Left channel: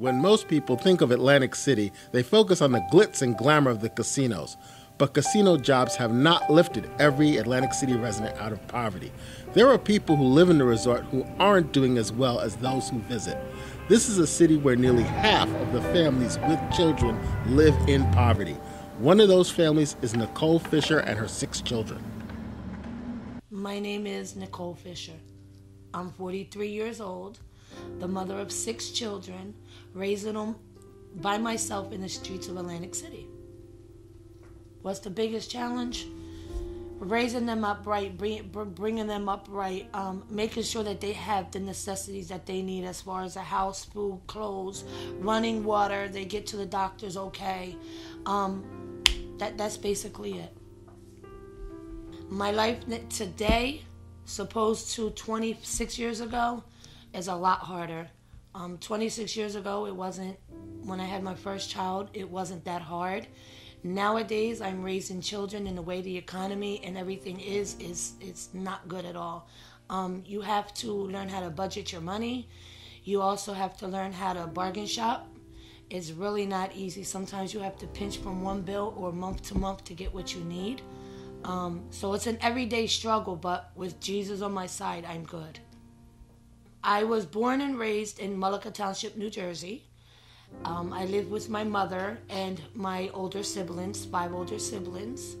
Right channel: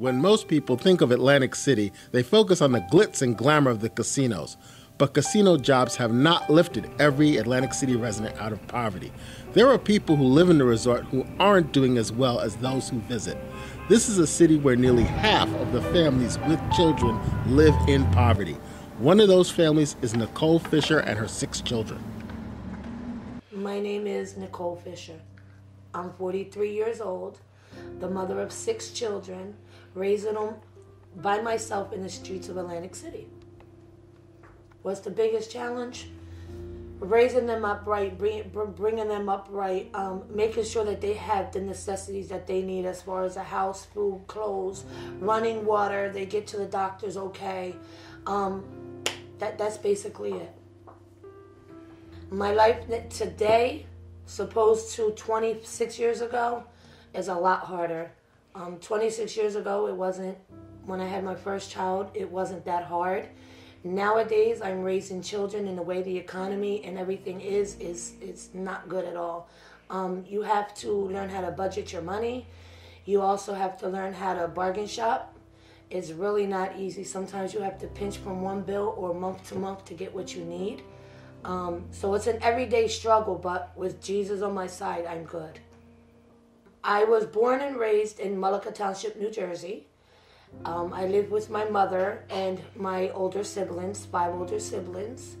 When most people think of Atlantic City, they focus on the glitz and glamour of the casinos. But casino jobs have not lifted every Atlantic City resident out of poverty. There are people who live in the resort who aren't doing as well as those who visit. This is a city where nearly half of the families with children live in poverty. One of those families is Nicole Fisher and her 6 children. My name is Nicole Fisher. I'm 43 years old, the mother of 6 children, raising them by myself in the streets of Atlantic City. What's the biggest challenge? Raising them up right, bringing them up right, making sure that they have the necessities that they need as far as a house, food, clothes, running water, they get to the doctors okay. That's basically it. My life today, supposed to 26 years ago, is a lot harder. 26 years ago, it wasn't, when I had my first child, it wasn't that hard. Nowadays, I'm raising children in the way the economy and everything is not good at all. You have to learn how to budget your money. You also have to learn how to bargain shop. It's really not easy. Sometimes you have to pinch from one bill or month to month to get what you need. So it's an everyday struggle, but with Jesus on my side, I'm good. I was born and raised in Mullica Township, New Jersey. I lived with my mother and my older siblings, 5 older siblings.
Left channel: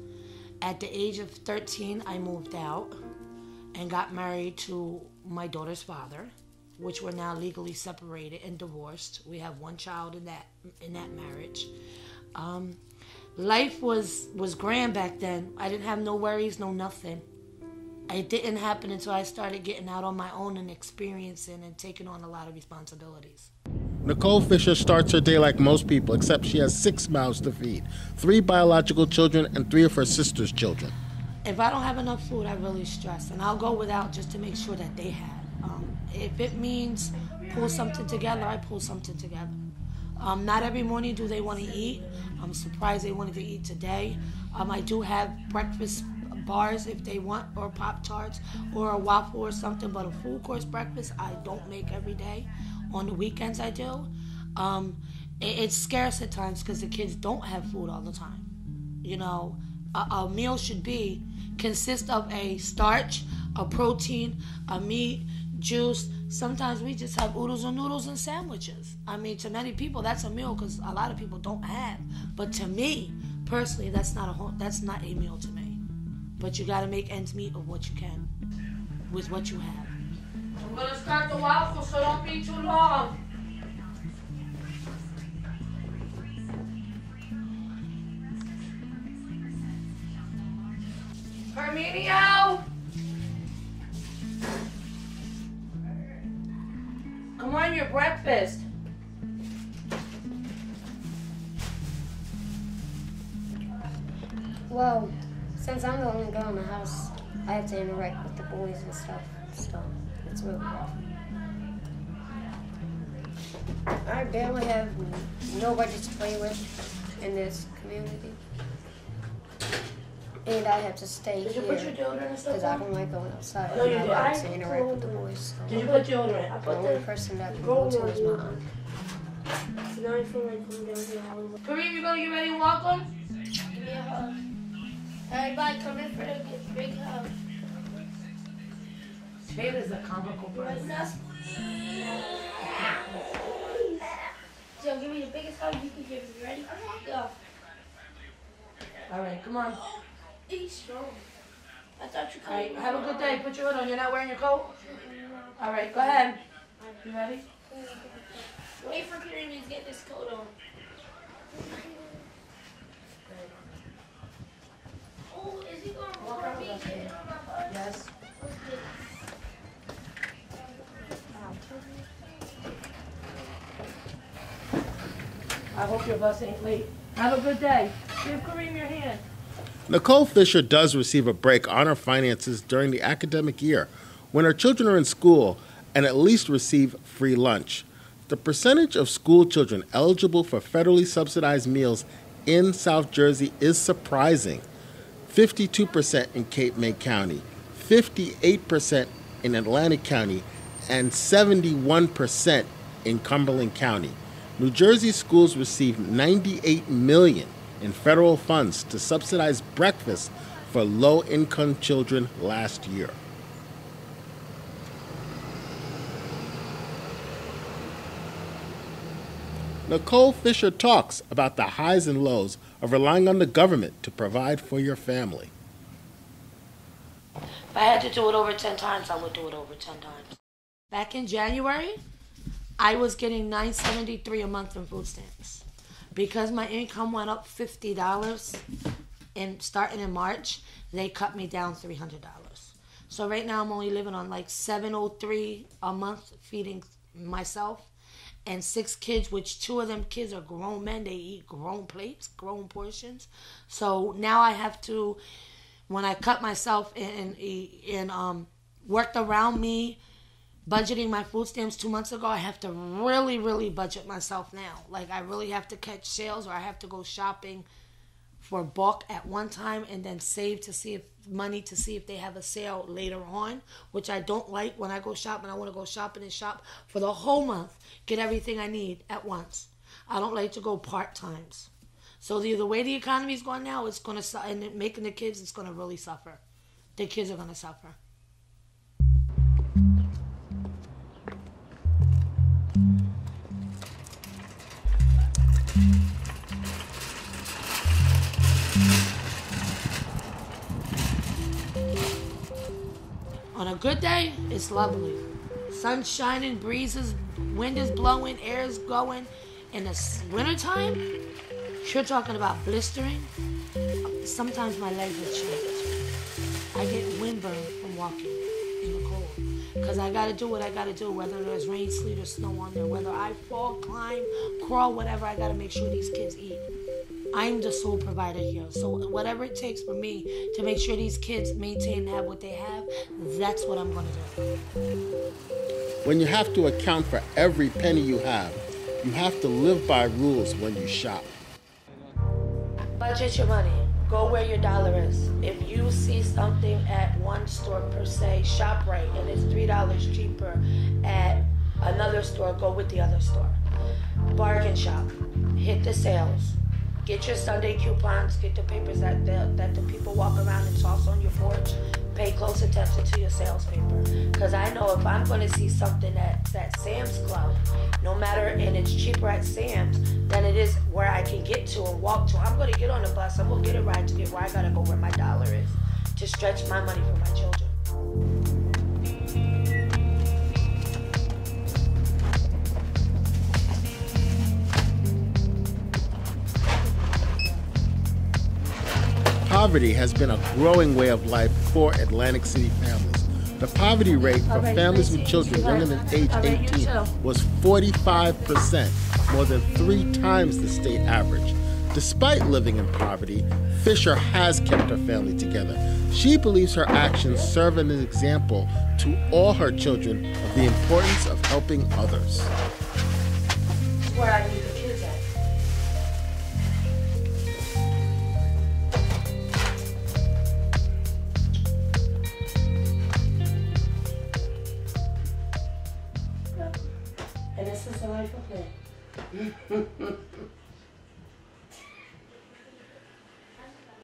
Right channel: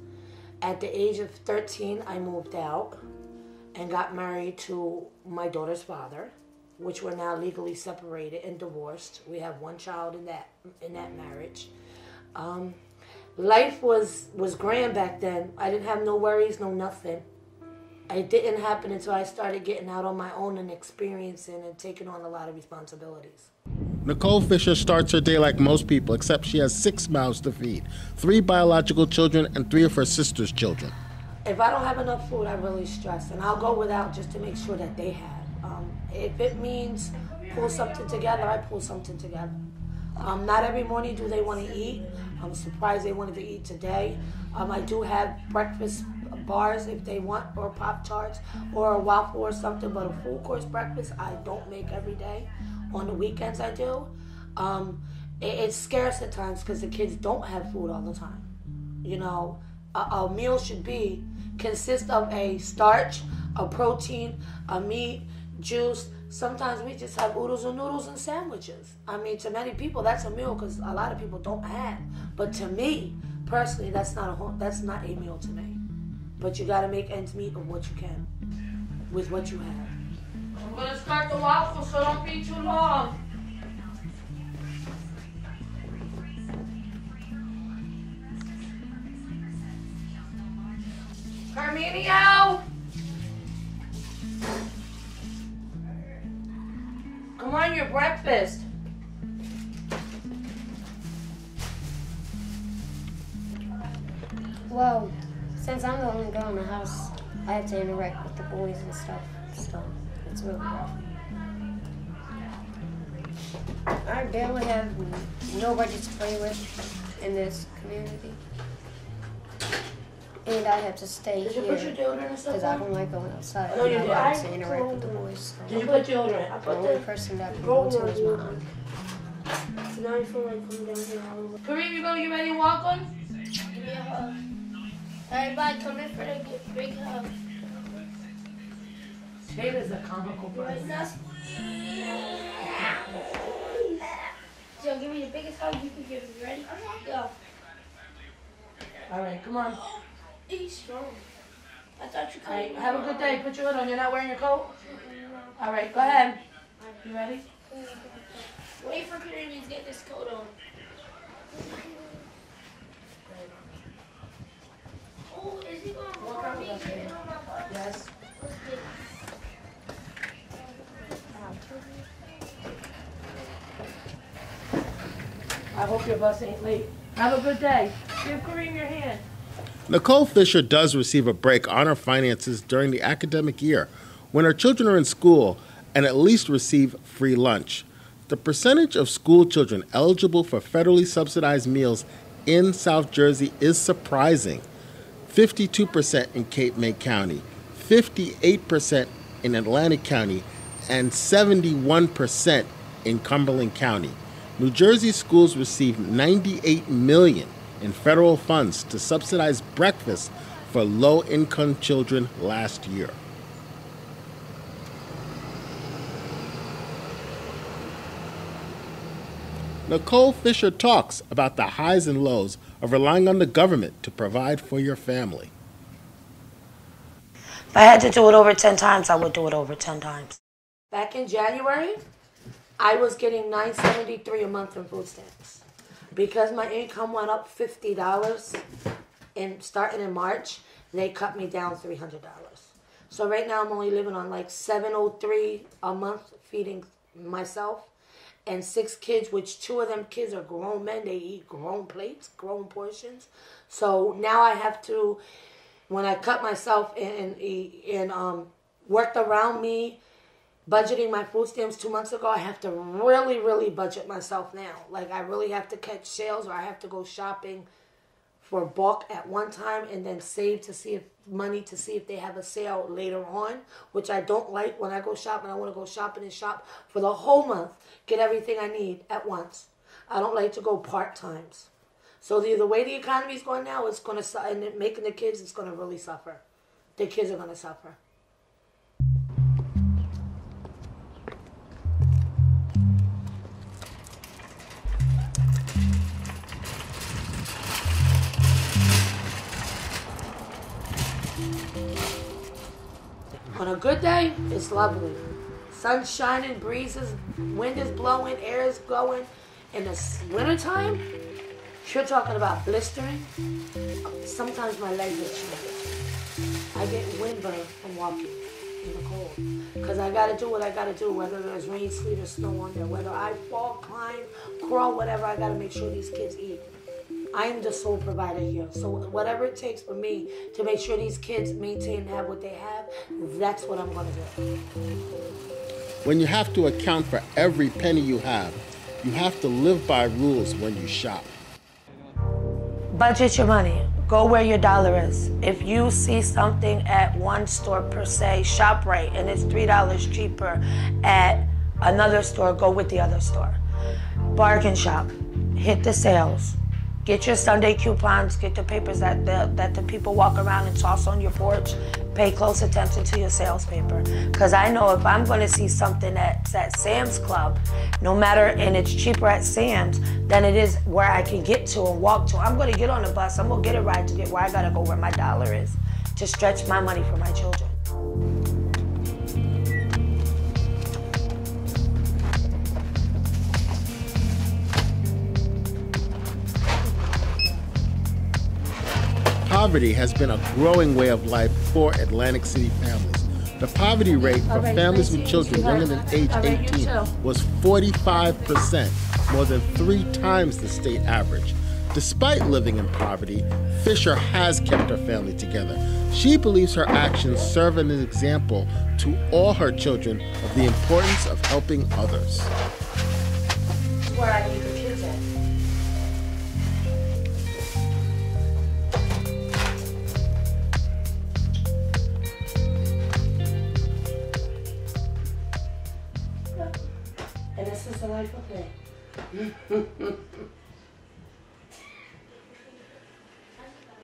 At the age of 13, I moved out and got married to my daughter's father, which we're now legally separated and divorced. We have 1 child in that marriage. Life was grand back then. I didn't have no worries, no nothing. It didn't happen until I started getting out on my own and experiencing and taking on a lot of responsibilities. Nicole Fisher starts her day like most people, except she has 6 mouths to feed, 3 biological children and 3 of her sister's children. If I don't have enough food, I really stress, and I'll go without just to make sure that they have. If it means pull something together, I pull something together. Not every morning do they want to eat. I'm surprised they wanted to eat today. I do have breakfast bars if they want, or Pop-Tarts, or a waffle or something, but a full course breakfast I don't make every day. On the weekends I do. It's scarce at times because the kids don't have food all the time. You know, a meal should consist of a starch, a protein, a meat, juice. Sometimes we just have oodles and noodles and sandwiches. I mean, to many people that's a meal because a lot of people don't have. But to me, personally, that's not a meal to me. But you got to make ends meet of what you can with what you have. I'm going to start the waffle, so don't be too long. Carmenio! Come on, your breakfast. Well, since I'm the only girl in the house, I have to interact with the boys and stuff, so it's really rough. I barely have nobody to play with in this community. And I have to stay here because I don't like going outside. No, you and did. I like to interact with the boys. So Did you put deodorant? the only person that can go to is my aunt. So now I feel like coming down here. Kareem, you gonna get ready and walk on? Give me a hug. Everybody come in for the big hug. Taylor's a comical person. So give me the biggest hug you can give me. Ready? Go. All right, come on. He's strong. I thought you All right, could. have a good day. Put your hood on. You're not wearing your coat? All right, go ahead. You ready? Wait for Kareem to get this coat on. Oh, is he going to pour me in on my butt? Yes. I hope your bus ain't late. Have a good day. Give Kareem your hand. Nicole Fisher does receive a break on her finances during the academic year when her children are in school and at least receive free lunch. The percentage of school children eligible for federally subsidized meals in South Jersey is surprising. 52% in Cape May County, 58% in Atlantic County, and 71% in Cumberland County. New Jersey schools received $98 million in federal funds to subsidize breakfast for low-income children last year. Nicole Fisher talks about the highs and lows of relying on the government to provide for your family. If I had to do it over 10 times, I would do it over 10 times. Back in January, I was getting $9.73 a month in food stamps. Because my income went up $50 starting in March, they cut me down $300. So right now I'm only living on like $703 a month feeding myself and 6 kids, which 2 of them kids are grown men. They eat grown plates, grown portions. So now I have to, when I cut myself and worked around me budgeting my food stamps 2 months ago, I have to really, really budget myself now. Like, I really have to catch sales, or I have to go shopping for bulk at one time and then save to see if they have a sale later on, which I don't like. When I go shopping, I want to go shopping and shop for the whole month, get everything I need at once. I don't like to go part-times. So the way the economy is going now, it's going to, and making the kids, it's going to really suffer. The kids are going to suffer. On a good day, it's lovely. Sun's shining, breezes, wind is blowing, air is going. In the wintertime, you're talking about blistering. Sometimes my legs are chilly. I get windburn from walking in the cold. Because I got to do what I got to do, whether there's rain, sleet, or snow on there. Whether I fall, climb, crawl, whatever, I got to make sure these kids eat. I'm the sole provider here. So whatever it takes for me to make sure these kids maintain and have what they have, that's what I'm going to do. When you have to account for every penny you have to live by rules when you shop. Budget your money. Go where your dollar is. If you see something at one store per se, ShopRite, and it's $3 cheaper at another store, go with the other store. Bargain shop. Hit the sales. Get your Sunday coupons, get the papers that the people walk around and toss on your porch. Pay close attention to your sales paper. Because I know if I'm going to see something that's at Sam's Club, no matter, and it's cheaper at Sam's than it is where I can get to and walk to, I'm going to get on the bus, I'm going to get a ride to get where I got to go where my dollar is to stretch my money for my children. Poverty has been a growing way of life for Atlantic City families. The poverty rate for families with children younger than age 18 was 45%, more than 3 times the state average. Despite living in poverty, Fisher has kept her family together. She believes her actions serve as an example to all her children of the importance of helping others. Where I leave the kids at. And this is the life of me.